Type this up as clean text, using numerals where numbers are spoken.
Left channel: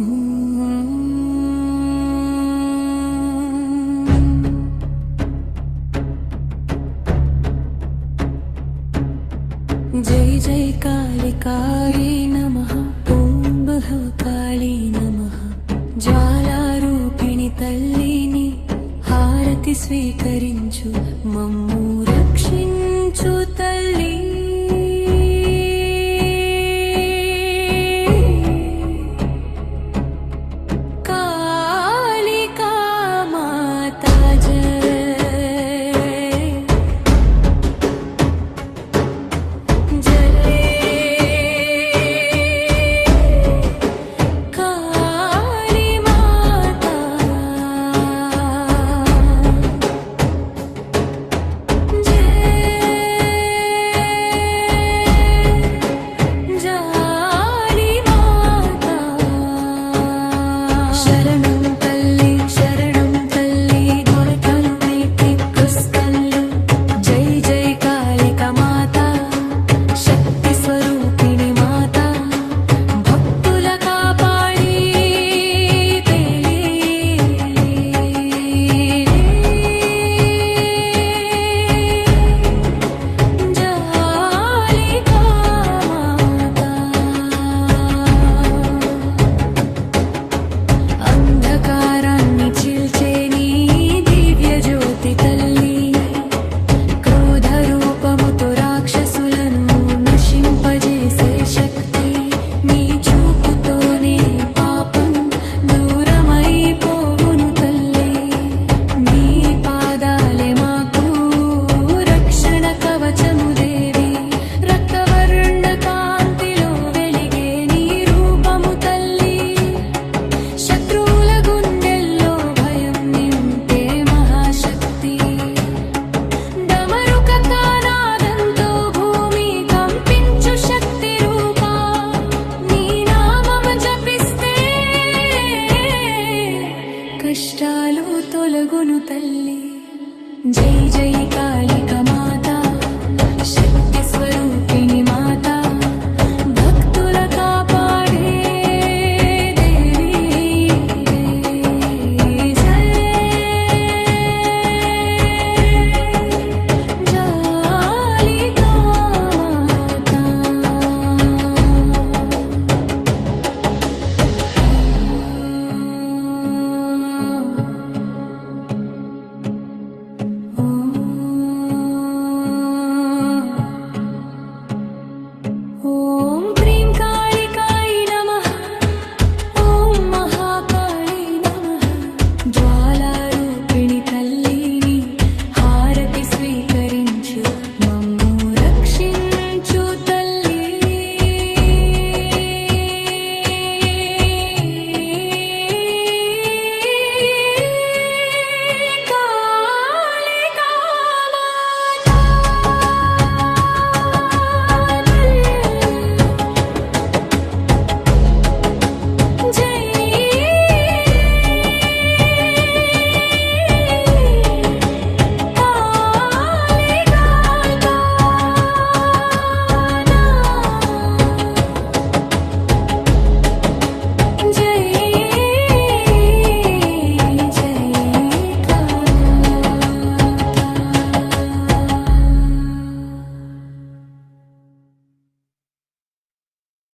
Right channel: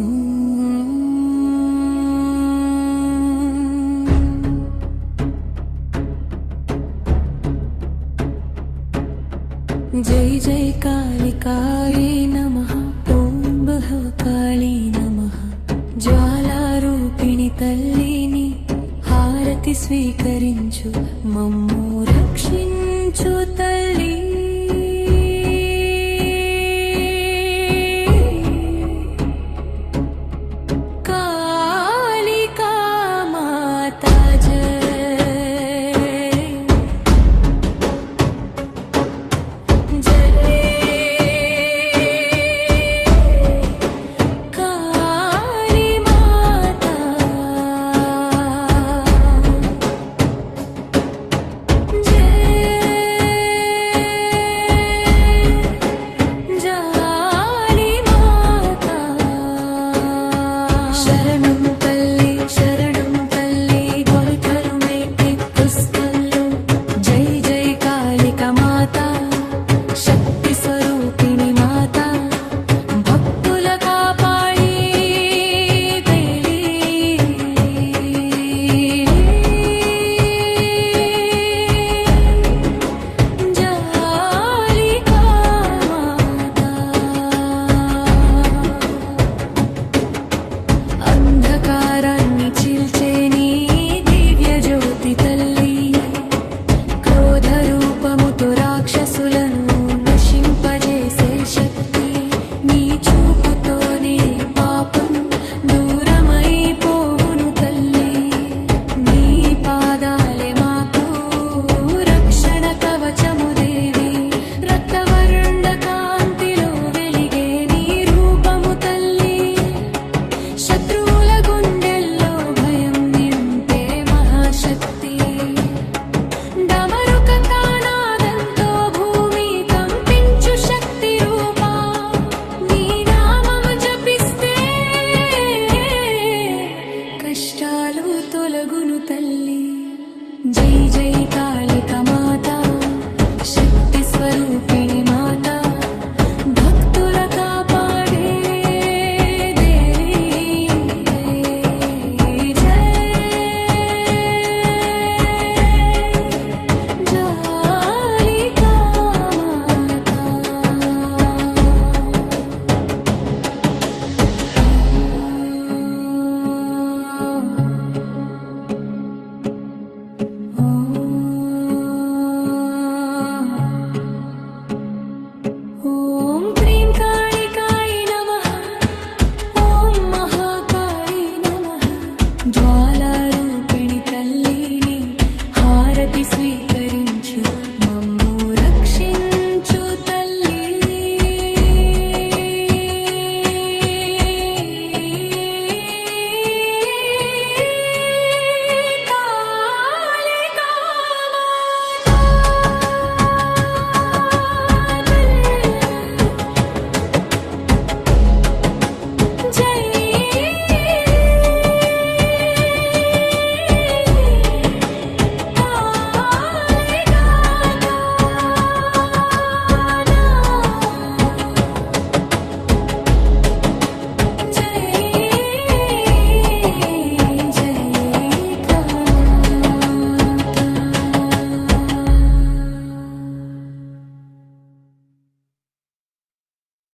जय जय कालिकायै नमः ओं बहकाली नमः ज्वालारूपिणि तल्लिनि హారతి స్వీకరించు మమ్ము రక్షించు తల్లి కాళికా మాతా రాక్షసులను నశింపజేసే శక్తి నీ చూపుతోనే పాపం దూరమైపోవును తల్లి నీ పాదాలే మాకు రక్షణ కవచము దేవి రక్తవర్ణ కాంతిలో వెలిగే నీ రూపము తల్లి శత్రువుల గుండెల్లో భయం నింపే మహాశక్తి డమరుక కష్టాలు తొలగును తల్లి జై జై కాళిక మాత శక్తి స్వరూపిణి మాత